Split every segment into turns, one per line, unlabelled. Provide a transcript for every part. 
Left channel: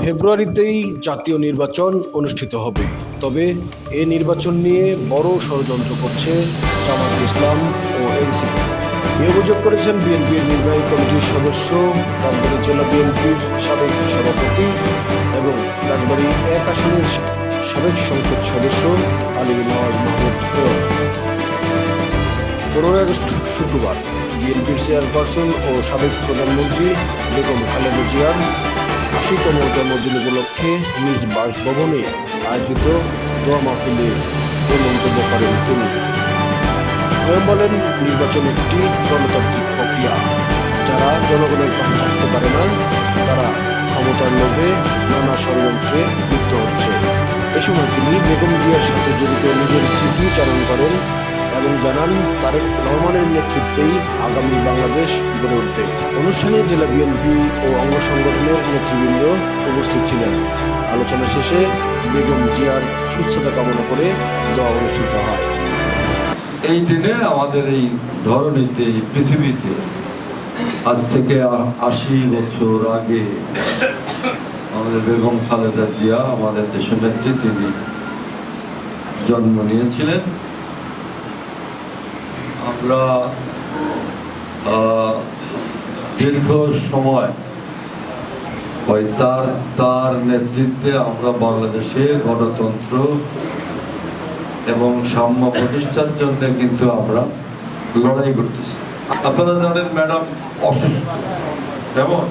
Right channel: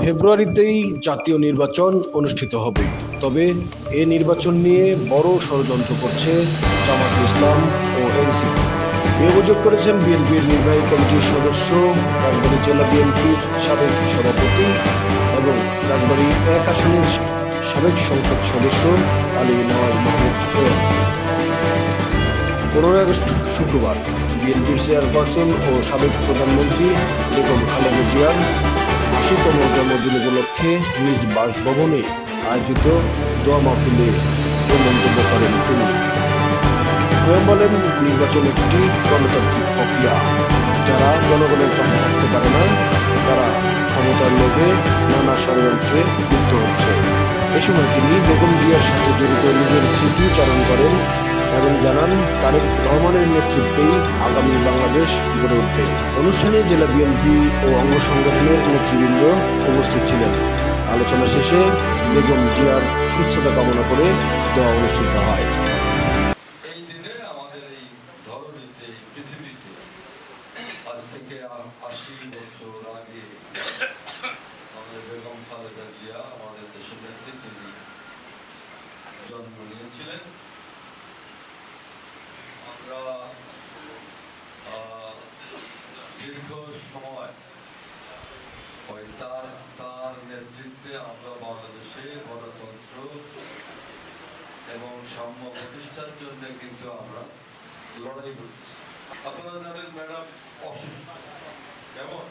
ফেব্রুয়ারিতেই জাতীয় নির্বাচন অনুষ্ঠিত হবে। তবে এ নির্বাচন নিয়ে বড় ষড়যন্ত্র করছে জামাত ইসলাম ও এনসিপি। এ অভিযোগ করেছেন বিএনপির নির্বাহী কমিটির সদস্য, রাজবাড়ী জেলা বিএনপির সাবেক সভাপতি এবং রাজবাড়ী এক আসনের সাবেক সংসদ সদস্য আলী নওয়াজ মাহমুদ পনেরোই আগস্ট শুক্রবার বিএনপির চেয়ারপারসন ও সাবেক প্রধানমন্ত্রী বেগম খালেদা জিয়ার আশিতম জন্মদিন উপলক্ষে নিজ বাসভবনে আয়োজিত দোয়া মাহফিলে মন্তব্য করেন তিনি। বলেন, নির্বাচন একটি গণতান্ত্রিক প্রক্রিয়া। যারা জনগণের পাশে থাকতে পারে না, তারা ক্ষমতার লোভে নানা ষড়যন্ত্রে লিপ্ত হচ্ছে। এ সময় তিনি বেগম জিয়ার সাথে জড়িত নিজের স্মৃতিচারণ করেন এবং জানান তারেক রহমানের নেতৃত্বেই আগামী বাংলাদেশ গড়ে উঠবে। অনুষ্ঠানে জেলা বিএনপি ও অঙ্গ সংগঠনের নেতৃবৃন্দ উপস্থিত ছিলেন। আলোচনা শেষে বেগম জিয়ার সুস্থতা কামনা করে দোয়া অনুষ্ঠিত হয়।
এই দিনে আমাদের এই ধরনীতে পৃথিবীতে আজ থেকে আশি বছর আগে আমাদের বেগম খালেদা জিয়া আমাদের দেশের নেত্রী তিনি জন্ম নিয়েছিলেন। আমরা দীর্ঘ সময় ওই তার তার নেতৃত্বে আমরা বাংলাদেশে গণতন্ত্র এবং সাম্য প্রতিষ্ঠার জন্য কিন্তু আমরা লড়াই করতেছি। আপনারা জানেন ম্যাডাম অসুস্থ। কেমন?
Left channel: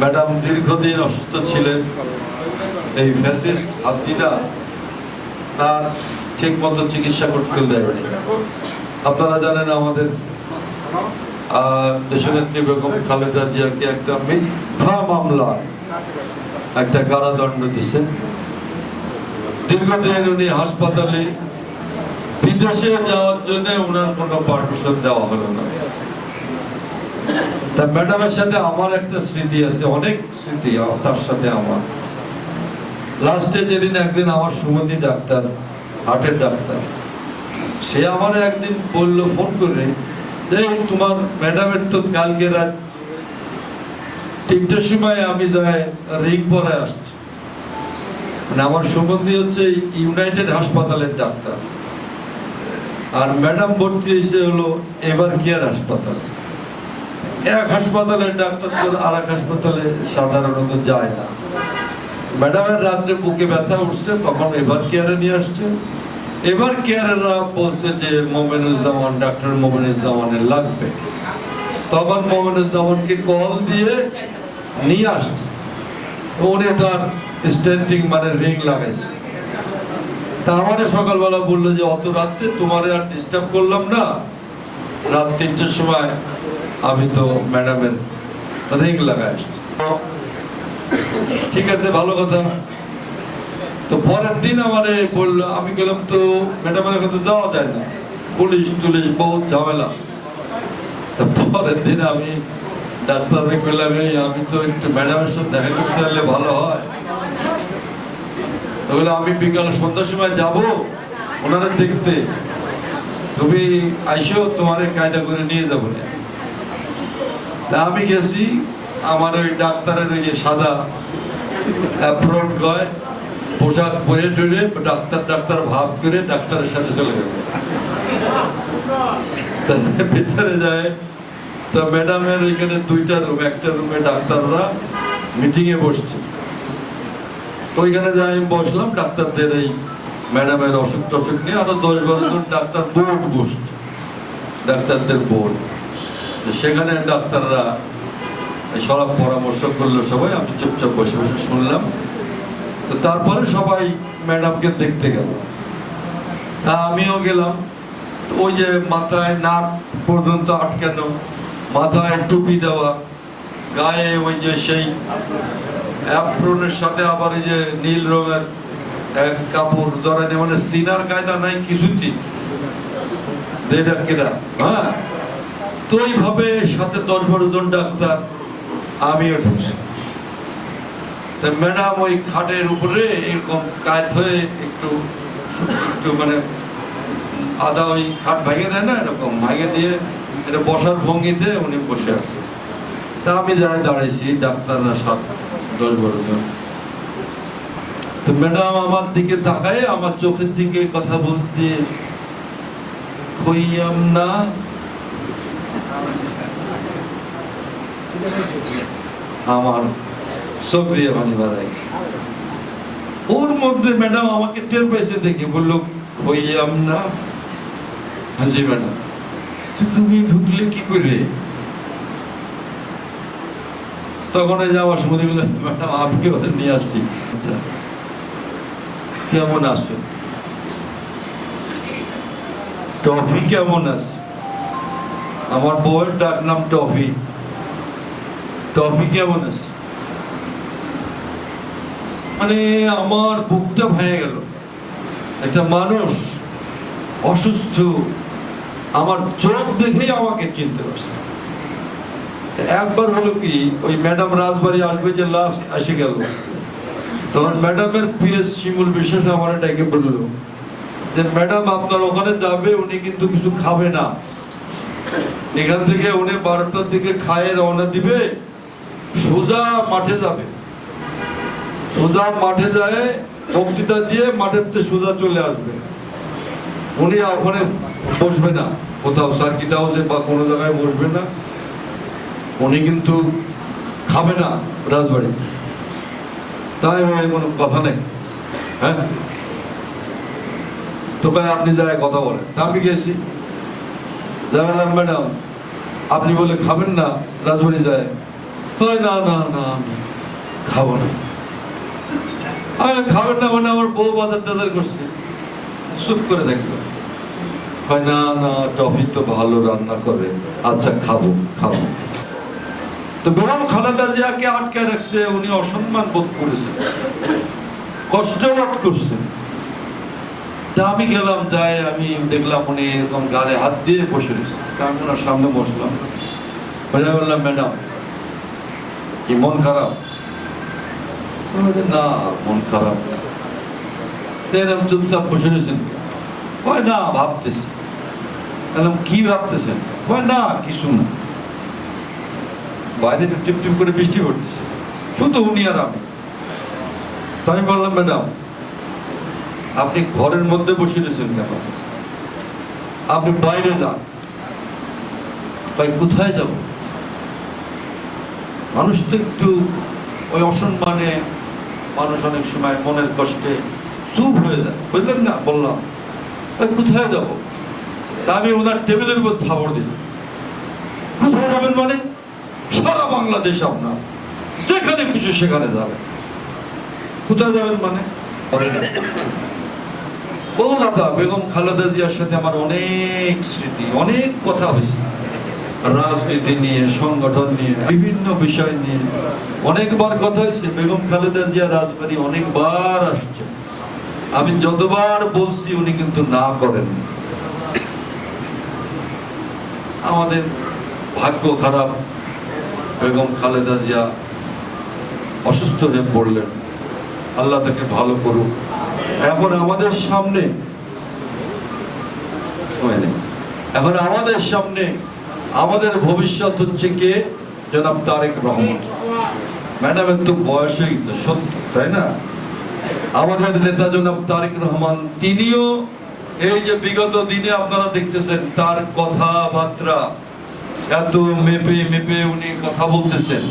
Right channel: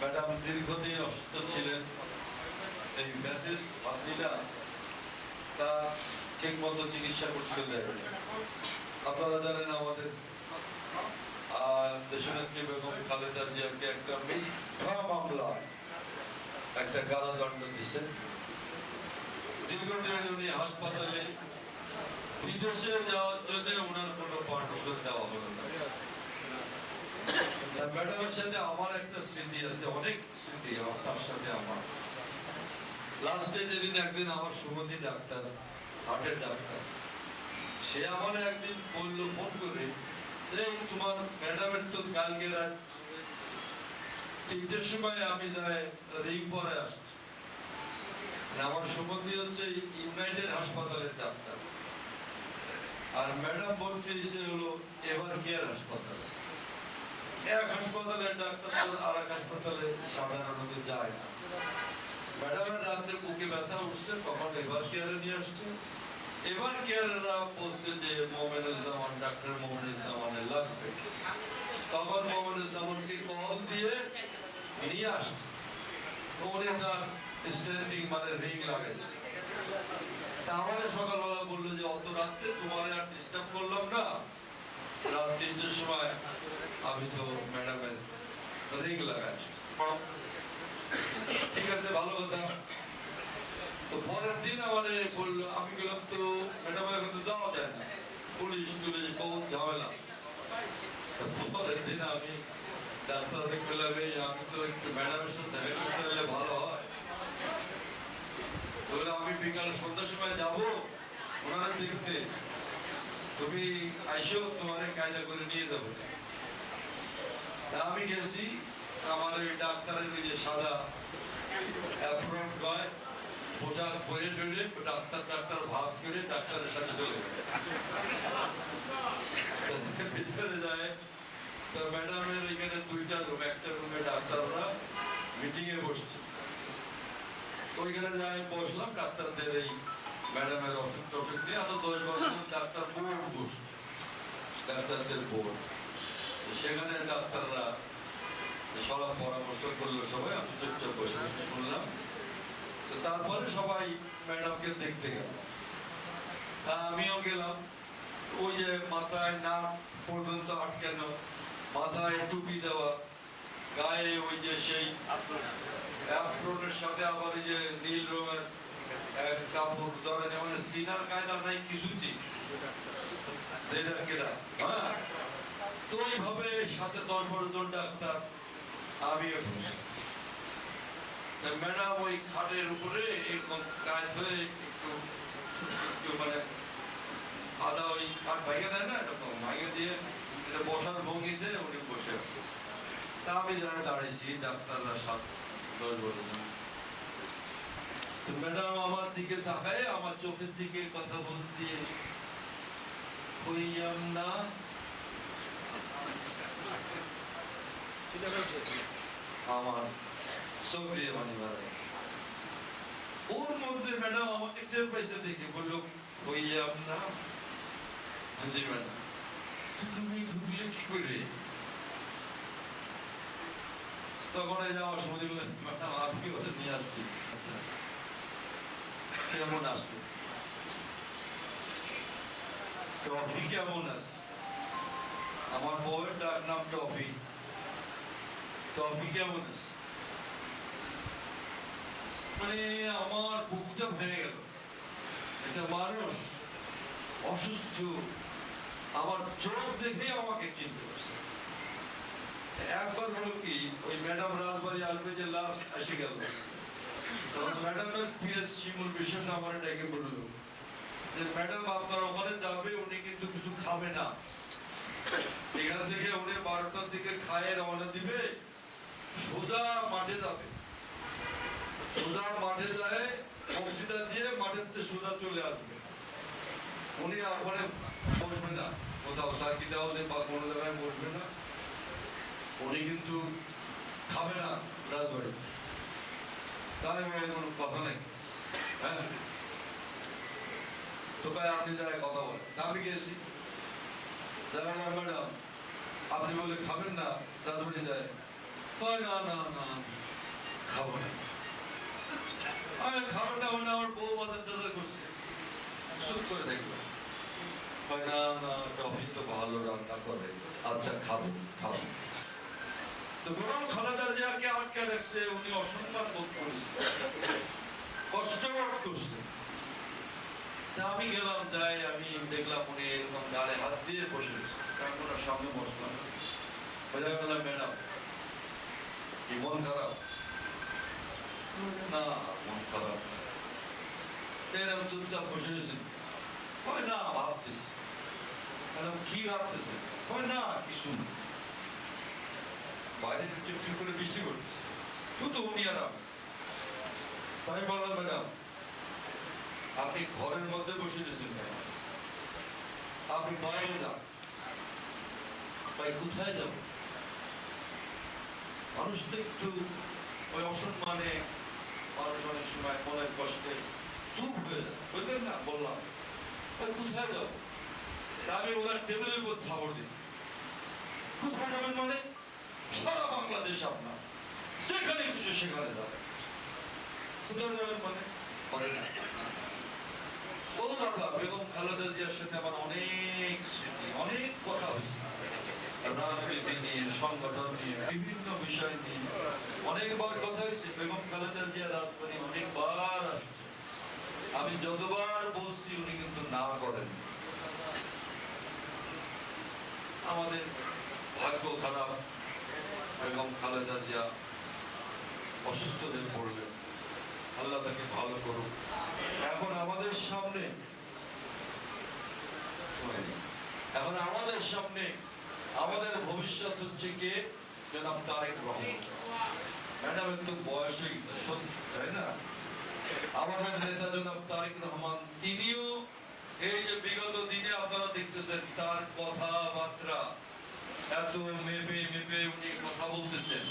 ম্যাডাম দীর্ঘদিন অসুস্থ ছিলেন। এই ফ্যাসিস্ট হাসিনা তার ঠিক মতো চিকিৎসা করতে দেয়নি। আপনারা জানেন আমাদের দেশনেত্রী বেগম খালেদা জিয়াকে একটা মিথ্যা মামলা, একটা কারাদণ্ড দীর্ঘদিন উনি হাসপাতালে, বিদেশে যাওয়ার জন্য ওনার কোনো পারমিশন দেওয়া হলো না। তা ম্যাডামের সাথে আমার একটা স্মৃতি আছে, অনেক স্মৃতি তার সাথে আমার। লাস্টে যেদিন একদিন আমার সুমতি ডাক্তার, হার্টের ডাক্তার। সে আমার একদিন বলল, ফোন করে যে তোমার ম্যাডামের তো কালকে রাত তিনটের সময় আমি যাই রিং পরে আসছি। মানে আমার সম্বন্ধী হচ্ছে ইউনাইটেড হাসপাতালের ডাক্তার। আর ম্যাডাম ভর্তি হয়েছে হলো এবার কেয়ার হাসপাতাল। এক হাসপাতালের ডাক্তার তো আর এক হাসপাতালে সাধারণত যায় না। ম্যাডামের রাত্রে বুকে ব্যথা উঠছে, তখন এবার কেয়ারে নিয়ে আসছে। এবার কেয়ারেরা বলছে যে মোমেনুজ্জামান, ডাক্তার মোমেনুজ্জামানের লাগবে? তখন মোমেনুজ্জামানকে কল দিয়ে নিয়ে আসছে। উনি তার স্ট্যান্ডিং মানে রিং লাগাইছে। তা আমাদের সকালবেলা বলল যে, অত রাত্রে তোমার আর ডিস্টার্ব করলাম না। রাত তিনটের সময় আমি তো ম্যাডামের রিং লাগাই ঠিক আছে, ভালো কথা। তো পরের দিন আমারে বলল আমি গেলাম তো ম্যাডামের কাছে যাওয়া যায় না। পুলিশ টুলিশ বহুত ঝামেলা। পরের দিন আমি ডাক্তারকে বললাম "এই, আমি তো একটু ম্যাডামের সাথে দেখা করতে পারলে ভালো হয়। তো বলল, আমি বিকাল সন্ধ্যার সময় যাব ওনারা দেখতে। তুমি আইসো তোমার কায়দা করে নিয়ে যাব। তা আমি গেছি আমার ওই ডাক্তারের ওই সাদা অ্যাপ্রন গয়। পোশাক পরে টরে ডাক্তার ডাক্তার ভাব করে ডাক্তারের সাথে চলে গেল। ভিতরে যায়। তো ম্যাডামের এখানে দুইটা রুম, একটা রুমে ডাক্তাররা মিটিং এ বসছে। ওইখানে যাই আমি বসলাম, ডাক্তারদের এই ম্যাডামের অসুখ টসুখ নিয়ে আরও দশ জন ডাক্তার বোর্ড বসছে, ডাক্তারদের বোর্ড। সেখানে ডাক্তাররা সব পরামর্শ করল সবাই, আমি চুপচাপ বসে বসে শুনলাম। তো তারপরে সবাই ম্যাডামকে দেখতে গেল। তা আমিও গেলাম। ওই যে মাথায় নাক পর্যন্ত আটকানো, মাথায় টুপি দেওয়া, গায়ে ওই যে সেই অ্যাপ্রনের সাথে আবার যে নীল রঙের এক কাপড় ধরেন মানে সিনার কায়দা নাই কিছুই দেড় কেরা হ্যাঁ? তো এইভাবে সাথে দশ বারো জন ডাক্তার, আমিও ঢুকছি। ম্যাডাম ওই খাটের উপরে এরকম কায়ত হয়ে একটু একটু মানে আদা ওই খাট ভেঙে দেয় না, এরকম ভেঙে দিয়ে এটা বসার ভঙ্গিতে উনি বসে আছে। তা আমি যাই দাঁড়াইছি ডাক্তাররা সাত, দশ বারো জন। তো ম্যাডাম আমার দিকে তাকায়, আমার চোখের দিকে কথা বলতে কইয়াম না। আমার চোখ দিয়ে পানি বাড়াইছে ওর মধ্যে ম্যাডাম আমাকে টের পেয়েছে দেখে, বলল কইয়াম না হ্যাঁ জি ম্যাডাম তুমি ঢুকলে কি করে তখন এই যে আমার ম্যাডাম আপনি ওদের নিয়ে আসছি। আচ্ছা কেমন আসবে? টফি কেমন আছে? আমার বউয়ের ডাক নাম টফি। টফি কেমন আছে? মানে আমার বুকটা ভেঙে গেল। একটা মানুষ অসুস্থ, আমার চোখ দেখেই আমাকে চিনতে পারছে। একবার হলো কি, ওই ম্যাডাম রাজবাড়ি আসবে যে লাস্ট এসে গেল। তখন ম্যাডামের পিএস শিমুল বিশ্বাস আমার ডেকে বলল যে, ম্যাডাম, আপনার ওখানে যাবে, উনি কিন্তু কিছু খাবে না। এখান থেকে উনি বারোটার দিকে খায়ে রওনা দিবে, সোজা মাঠে যাবে। সোজা মাঠে যায়, বক্তৃতা দিয়ে মাঠের থেকে সোজা চলে আসবে। উনি ওখানে বসবে না। কোথাও সার্কিট হাউসে বা কোনো জায়গায় বসবে না। উনি কিন্তু খাবে না রাজবাড়িতে তাই কোনো কথা নেই। হ্যাঁ? তো ভাই, আপনি যারা কথা বলেন। তা আমি গেছি। যাবেন ম্যাডাম, আপনি বলে খাবেন না, রাজবাড়ি যায়। না না না, খাব না। আমি খাবেন না মানে আমার বউ বাজার টাজার করছে। চুপ করে দেখল না না, টফি তো ভালো, রান্না করে। আচ্ছা খাব খাব। তো বেগম খালেদা জিয়াকে আটকে রাখছে, উনি অসম্মান বোধ করেছেন কষ্ট বোধ করছেন তা আমি গেলাম যাই আমি দেখলাম উনি এরকম গালে হাত দিয়ে বসে রয়েছে। তা সামনে বসলাম। বললাম, ম্যাডাম, কি মন খারাপ? না, মন খারাপ এরকম চুপচাপ বসে রয়েছেন কয়, না, ভাবতেছি। বললাম কি ভাবতেছেন? কয়, না, কিছু না। বাইরে টিপ টিপ করে বৃষ্টি পড়তেছে। শুধু উনি আর আমি। তো আমি বললাম, ম্যাডাম, আপনি ঘরের মধ্যে বসে রয়েছেন কেন? আপনি বাইরে যান। ভাই কোথায় যাব? মানুষ তো একটু ওই অসম্মানে মানুষ অনেক সময় মনের কষ্টে চুপ হয়ে যায়। বুঝলেন না? বললাম কোথায় যাব? তা আমি ওনার টেবিলের উপর থাবড় দিলাম। কোথায় যাবেন মানে? সারা বাংলাদেশ আপনার। যেখানে খুশি সেখানে যাবেন কোথায় যাবেন মানে? ও দাদা বেগম খালেদা জিয়ার সাথে আমার অনেক স্মৃতি, অনেক কথা হয়েছে। রাজনীতি নিয়ে, সংগঠন নিয়ে, বিভিন্ন বিষয় নিয়ে। অনেকবার কথা হয়েছে, বেগম খালেদা জিয়া রাজবাড়ি অনেকবার আসছে। আমি যতবার বলছি, উনি কিন্তু না করেন। আমাদের ভাগ্য খারাপ, বেগম খালেদা জিয়া অসুস্থ হয়ে পড়লেন। আল্লাহ তাকে ভালো করুক। এখন আমাদের সামনে এখন আমাদের সামনে আমাদের ভবিষ্যৎ হচ্ছে কে? জনাব তারেক রহমান। ম্যাডামের তো বয়স হয়ে গেছে, সত্যি, তাই না? আমাদের নেতা জনাব তারেক রহমান, তিনিও এই যে বিগত দিনে আপনারা দেখতেছেন, তার কথাবার্তা, এত মেপে মেপে উনি কথা বলতেছেন,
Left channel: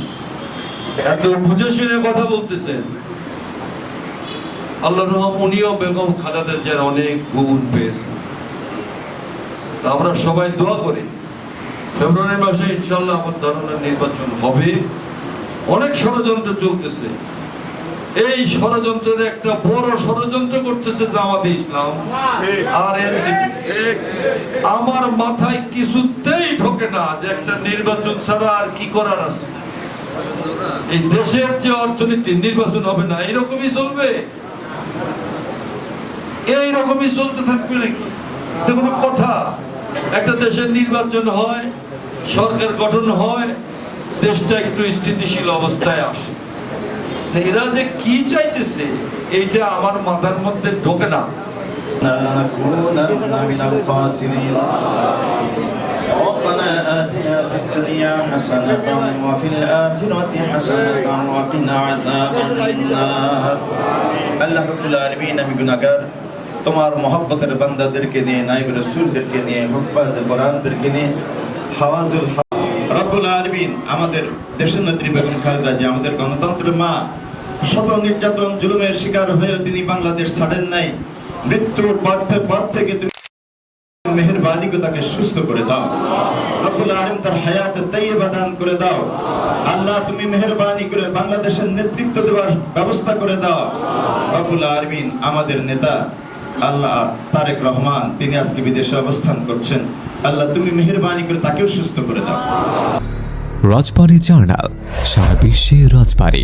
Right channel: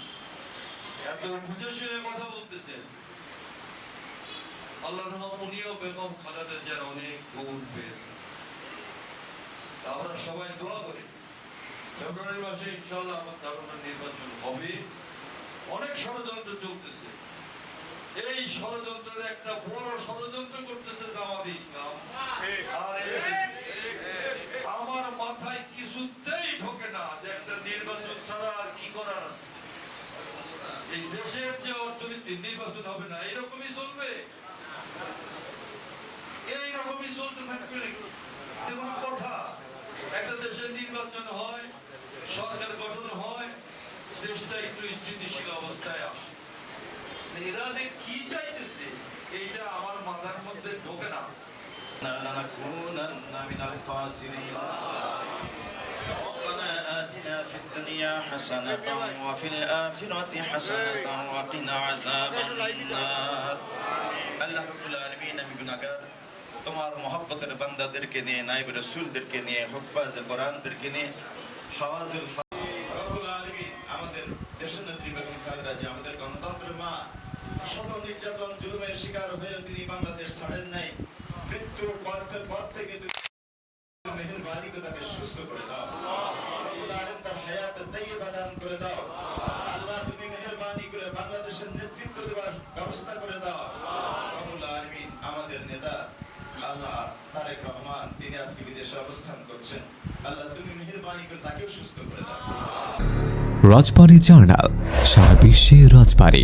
এত বুঝে শুনে কথা বলতেছেন। আল্লাহ রহম উনিও বেগম খালেদা জিয়ার অনেক গুণ পেয়েছেন। আমরা সবাই দোয়া করি। ফেব্রুয়ারি মাসে ইনশাল্লাহ আমার ধারণা নির্বাচন হবে। অনেক ষড়যন্ত্র চলতেছে। এই ষড়যন্ত্রের একটা বড় ষড়যন্ত্র করতেছে জামাতে ইসলাম। আর আমার মাথায় কিছুতেই ঢোকে না যে একটা নির্বাচন ছাড়া আর কি করার আছে। এই দেশের যে অর্থনীতি, নির্বাচন হবে না এরকমই চলবে? এইরকমই চলতে থাকবে নাকি? কোনো কথা। একটা দেশের নির্বাচন হয় সরকার গঠন হয় দেশটা একটু স্থিতিশীল অবস্থায় আসে এরা যে কি চাইতেছে এইটা আমার মাথার মধ্যে ঢোকে না
نكونن من الخاسرين ربنا آتنا في في الدنيا حسنة وفي الآخرة حسنة وقنا عذاب النار আল্লাহ রব্বুল আলমিন আমি গুনাহগার তোমার মহব্বতের বান্দাদেরকে নিয়ে নাইব রসুলদেরকে নিয়ে হুফাজ কোরআনদেরকে নিয়ে হাওয়াজুল রব্বুল আলমিন আমাদের দেশের নেত্রী বেগম খালেদা যে আমাদের গণতন্ত্রের মা শত নির্যাতন, জুলুমের শিকার হয়েও তিনি বাংলাদেশ ছাড়েন নাই। মৃত্যুর পর থে- পর থেকে তুমি মেহেরবানি করে তাকে সুস্থ করে দাও। রব্বুল আলম তার হায়াত তাইয়্যিবা দান করে দাও। আল্লাহ, তুমি মেহেরবানি করে বাংলাদেশের নেতৃত্ব দেওয়ার ব্যবস্থা করে দাও। রব্বুল আলমিন আমাদের নেতা আল্লাহ তারেক রহমান, তিনি আজকে বিদেশে অবস্থান করছেন। আল্লাহ তুমি মেহেরবানি করে তাকেও সুস্থ করে দাও।
রাজবাড়ী জার্নাল সারা বিশ্বে রাজবাড়ী।